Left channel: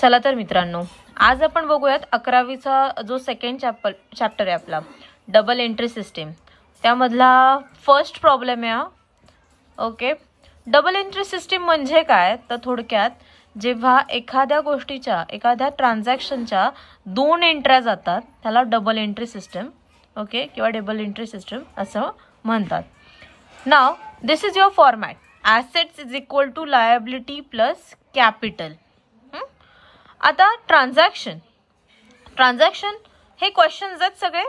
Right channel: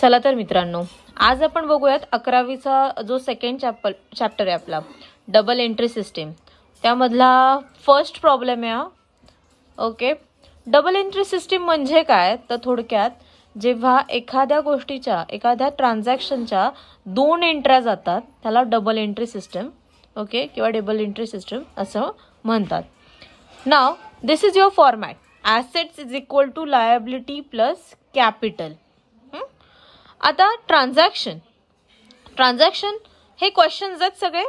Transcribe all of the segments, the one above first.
चला तर मित्रांनो, आज आपण बघूयात 11वीचा जो सेकंड चॅप्टर आहे आपला डबल एंट्री सिस्टीम, त्यामधला फर्स्ट प्रॉब्लेम आहे. ओके, डबल एंट्री सिस्टीम म्हणजे काय तर थोडक्यात जेव्हा एखाद्या गोष्टीच्या एखाद्या ट्रान्झॅक्शनच्या दोन एंट्र्या जातात त्याला डबल एंट्री सिस्टीम ओके किंवा डबल एंट्री सिस्टीम असं म्हणतात. नाव this is your format. Assets is equal to liability plus capital. आता ट्रान्झॅक्शन हे क्वेश्चन्स आहेत सगळे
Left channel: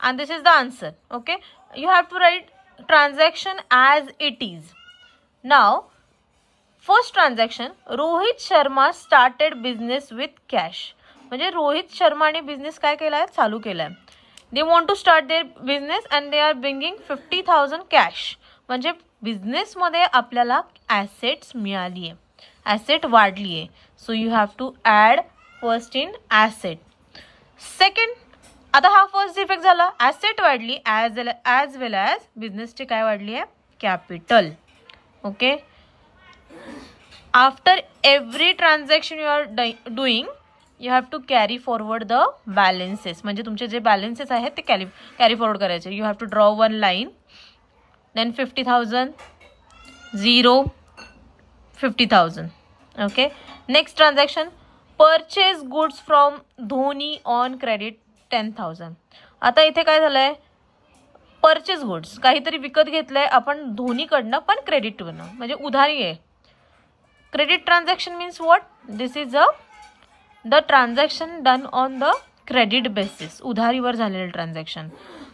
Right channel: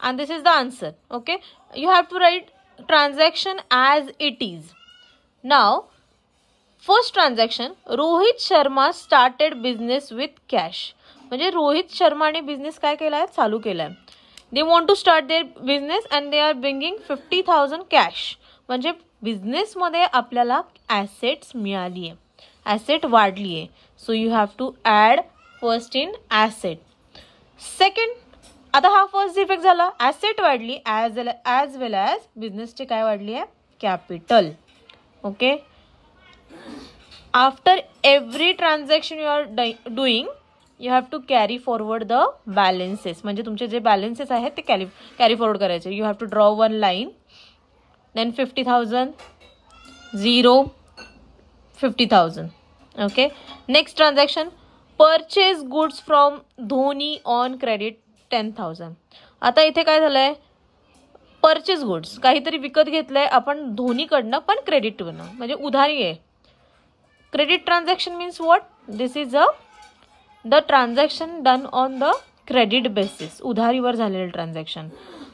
and this is the answer. Okay, you have to write transaction as it is. Now first transaction, Rohit Sharma started business with cash. म्हणजे रोहित शर्माने business काय केलाय, चालू केलाय. they want to start their business and they are bringing 50,000 cash. म्हणजे business मध्ये आपल्याला assets मिळाली आहे, ऍसेट वाढली आहे. So you have to add first in asset. Second, आता हा फर्स्ट इफेक्ट झाला, ऍसेट वाढली ऍज वेल ऍज बिझनेसची काय वाढली आहे, capital. Okay, after every transaction you are doing you have to carry forward the balances. म्हणजे तुमचे जे बॅलन्सेस आहेत ते कॅरी फॉरवर्ड करायचे. You have to draw one line, then 50,000 0 50,000. Okay, next transaction, purchase goods from Dhoni on credit 10,000. आता इथे काय झालंय, परचेज गुड्स काहीतरी विकत घेतलंय आपण धोनीकडनं पण क्रेडिट कडनं, म्हणजे उधारी आहे. Credit transaction means what, this is the transaction done on the credit basis, उधारीवर झालेलं ट्रान्झॅक्शन.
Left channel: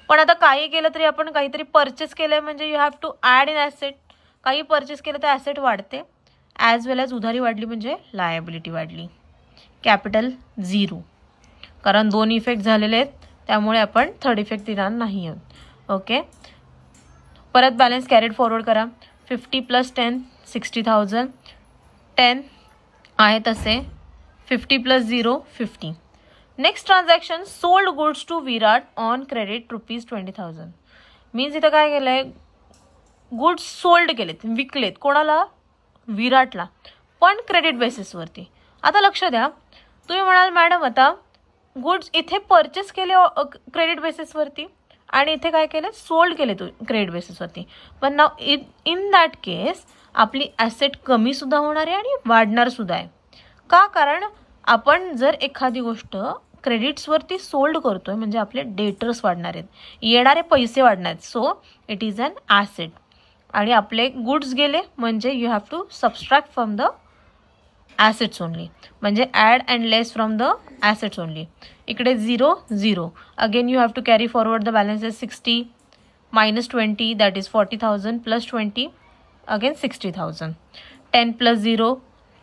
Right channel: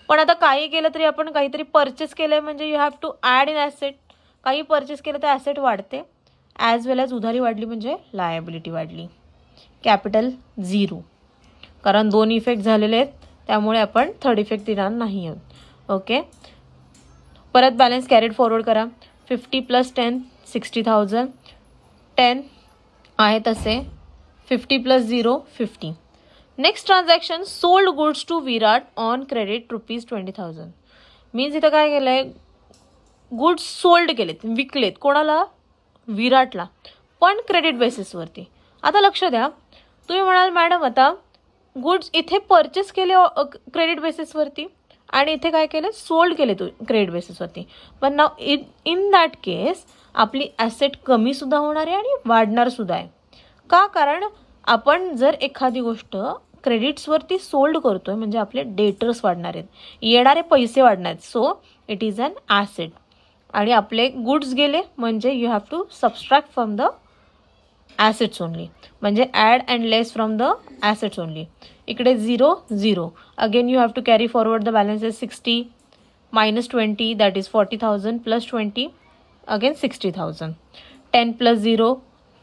पण आता काही केलं तरी आपण काहीतरी परचेस केलंय म्हणजे you have to add in asset. काही परचेस केलं तर ऍसेट वाढते, ऍज वेल ऍज उधारी वाढली म्हणजे लायबिलिटी वाढली. कॅपिटल 0, कारण दोन इफेक्ट झालेले आहेत त्यामुळे आपण थर्ड इफेक्ट देणार नाही आहोत. ओके, परत बॅलन्स कॅरीड फॉरवर्ड करा. 50 प्लस 10 60,000, 10 आहे तसे, 50 plus 0 50. Next transaction, sold goods to Virat on credit ₹20,000. Means इथं काय केलंय, गुड्स सोल्ड केलेत, विकलेत. कोणाला, विराटला, पण क्रेडिट बेसिसवरती. आता लक्ष द्या, तुम्ही म्हणाल मॅडम आता गुड्स इथे परचेस केले क्रेडिट बेसिसवरती आणि इथे काय केलं, सोल्ड केले क्रेडिट बेसिसवरती. पण नाव इन दॅट केस आपली ऍसेट कमी सुद्धा होणार आहे आणि वाढणार सुद्धा आहे. का, कारण आपण जर एखादी गोष्ट क्रेडिट्सवरती सोल्ड करतोय म्हणजे आपले डेटर्स वाढणार आहेत, येणारे पैसे वाढणार आहेत. So it is an asset. आणि आपले गुड्स गेले म्हणजे you have to subtract from the assets only, म्हणजे add and less from the assets only. इकडे 0 0. Again you have to carry forward the balances. 60 minus 20 that is 40,000 plus 20 again 60,000. 10 plus 0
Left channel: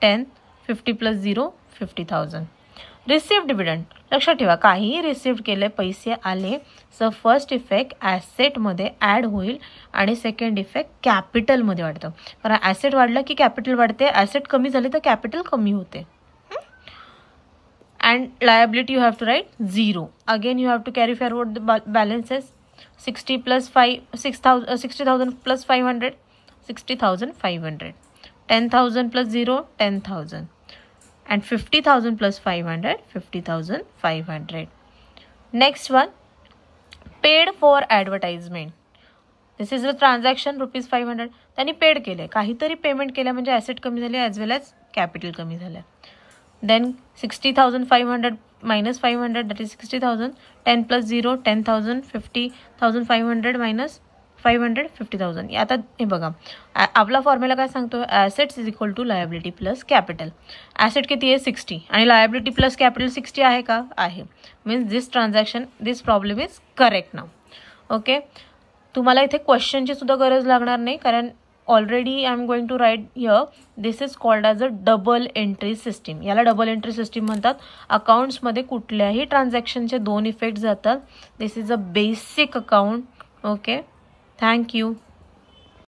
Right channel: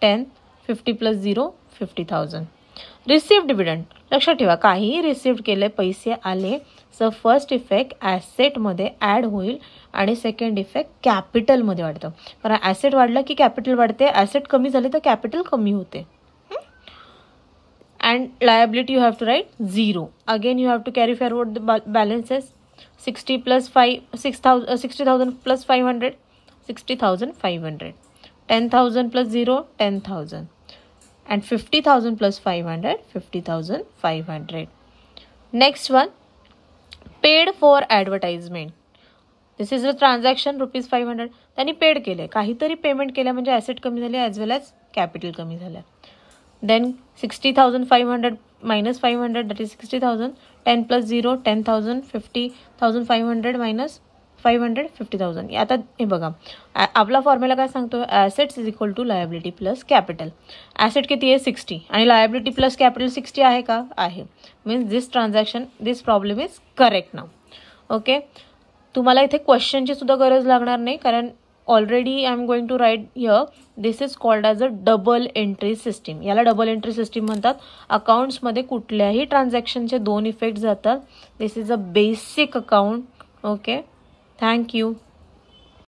10, 50 plus 0 50,000. Received dividend, लक्षात ठेवा काहीही received केले, पैसे आले, so first effect asset मध्ये add होईल आणि सेकंड इफेक्ट कॅपिटल मध्ये वाढतं. कारण ऍसेट वाढलं की कॅपिटल वाढते, ऍसेट कमी झाले तर कॅपिटल कमी होते. And liability you have to write 0. Again you have to carry forward the balances. 60 plus 5 60,000 plus 500 60,500. 10,000 plus 0 10,000 and 50,000 plus 500 50,500. Next one, paid for advertisement. This is a transaction ₹500. त्यांनी paid केले, काहीतरी payment केलं म्हणजे asset कमी झाले as well as capital कमी झालं. Then 60,500 minus 500 that is 60,000. 10 plus 0 10,000. 50,500 minus 500 50,000. आता हे बघा आपला फॉर्म्युला काय सांगतो, assets is equal to liability plus capital. Asset किती आहे 60 आणि लायबिलिटी प्लस कॅपिटल 60 आहे का, आहे. Means this transaction this problem is correct नाव. ओके, तुम्हाला इथे क्वेश्चनची सुद्धा गरज लागणार नाही कारण already I am going to write here this is called as a double entry system. याला डबल एंट्री सिस्टीम म्हणतात. अकाउंट्समध्ये कुठल्याही ट्रान्झॅक्शनचे दोन इफेक्ट जातात. This is a basic account. Okay, thank you.